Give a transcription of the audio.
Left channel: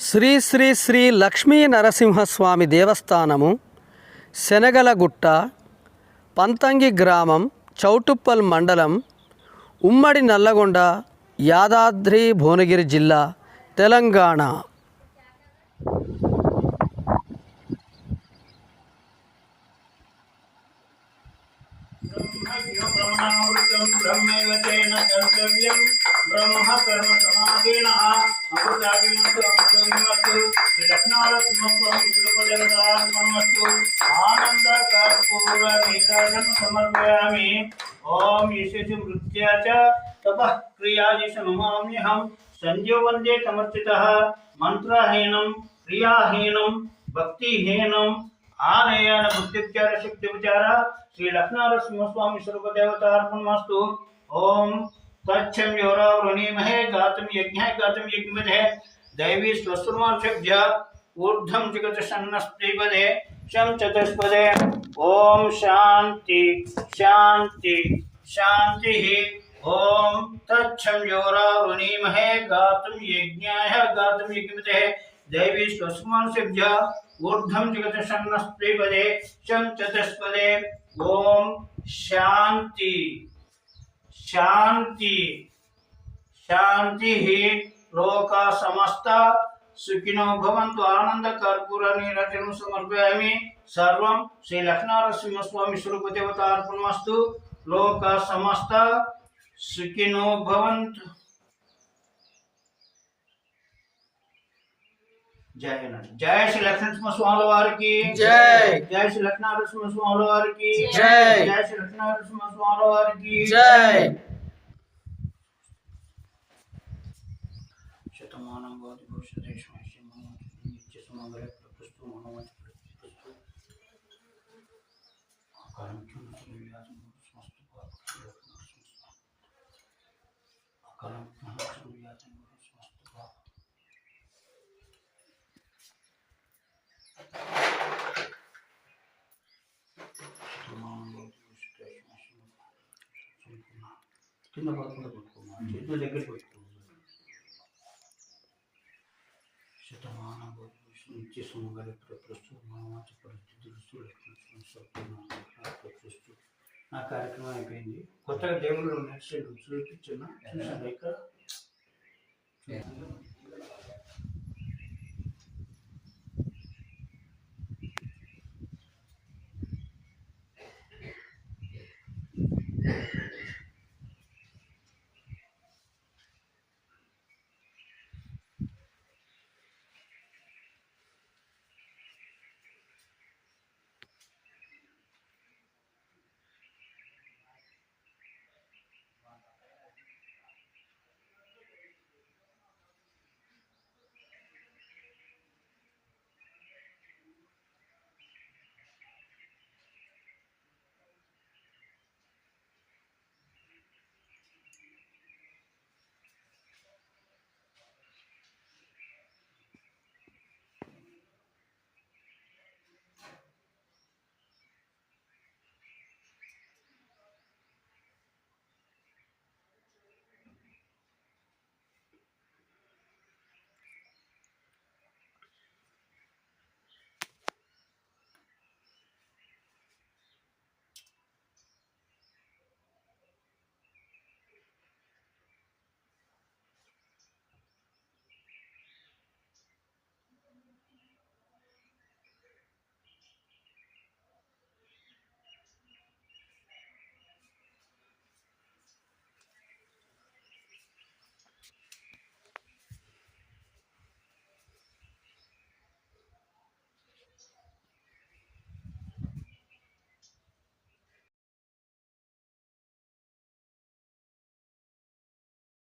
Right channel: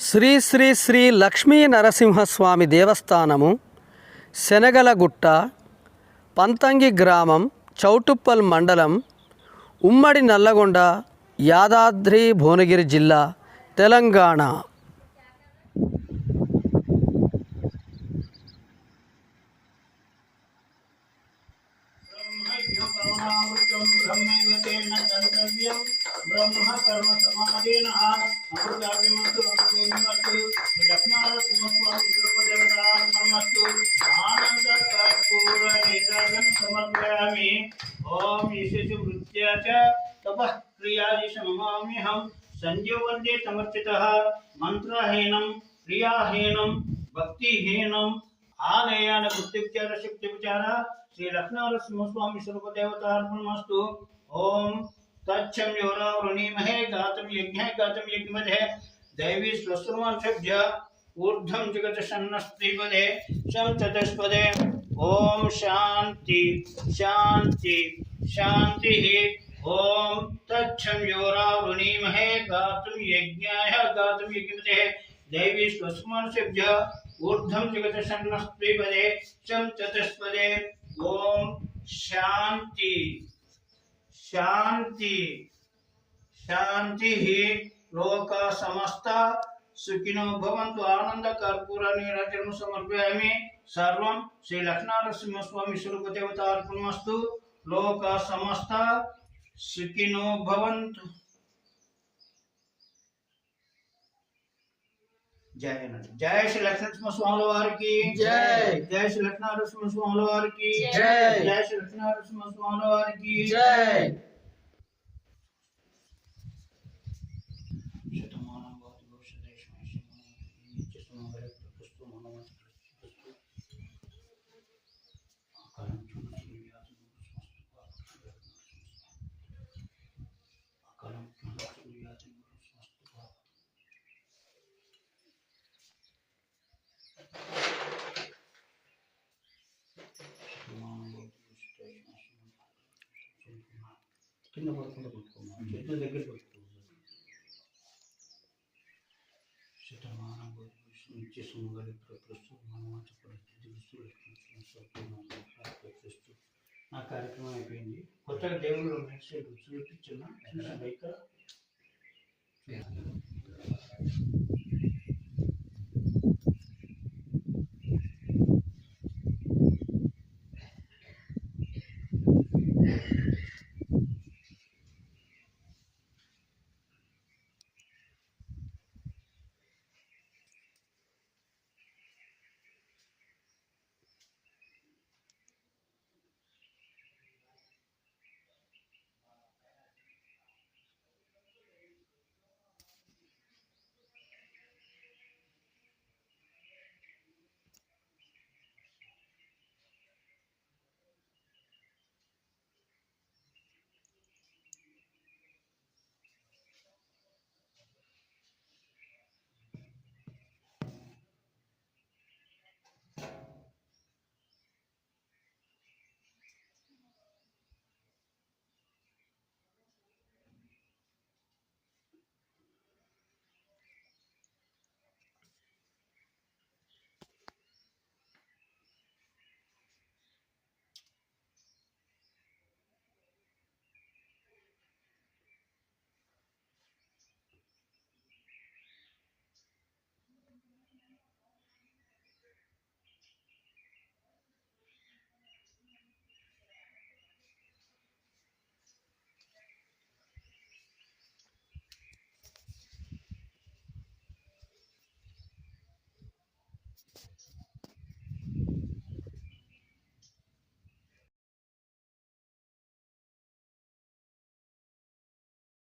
శ్రీ శ్రీ శ్రీ లక్ష్మీ నరసింహస్వామి దేవస్థానము శనగలగుట్ట, పంతంగి గ్రామం, చౌటుప్పల్ మండలం, ఉమ్మడి నల్లగొండ, యాదాద్రి భువనగిరి జిల్లా, తెలంగాణ. ब्रह्म कर्म समाधीन आनंद कर्पूर नीराजन समर्पयामि। ओम यशस्वी वृत्त्या च तपः क्रियादिशनुमाम्यहं संजो वंदे तमर्चितः मंत्रहीनं क्रियाहीनं भक्तिहीनं आनयन बुद्धिविचार शक्तिविचार श्री लक्ष्मीनरसिंहस्वामी स्वरूप देवतार्पणमस्तु। ओम तच्छं योरा वृणीमहे गातं यज्ञः गातं यज्ञमधे दैवी स्वस्त्रमार्षभ्य ऊर्ध्वं जगतसन्नस्त्रिपदे शं चतुष्पदे। ओम शांति शांति शांतिः। ओम तच्छं योरा वृणीमहे गातं यज्ञाय गातं यज्ञमधे दैवी स्वस्त्रमार्षभ्य ऊर्ध्वं जगतसन्नस्त्रिपदे शं चतुष्पदे। ओम शांति शांति शांति ही लोका समस्ता सुखिनो भवन्तु। आनंद कर्पूर नीराजनं समर्पयामि। सर्वं श्री लक्ष्मीनरसिंहस्वामी स्वरूप देवतार्पणमस्तु। लोका समस्ता सुखिनो भवन्तु। जय श्री लक्ष्मीनरसिंहस्वामी वार की जय। जय श्री लक्ष्मीनरसिंहस्वामी वार की जय। जय श्री लक्ष्मीनरसिंहस्वामी वार की जय। కింద పడకుండా పెట్టుకున్నాను, చేతుల దగ్గర పెట్టుకున్నాను. శతమానం నిత్య సుమంగళ ప్రస్తుతం మనమంత పరిస్థితులు నా కార్యక్రమం అయిపోయింది. కొత్తగా దేవుళ్ళు నెక్స్ట్ చూపించిన చూసాను ఇక్కడ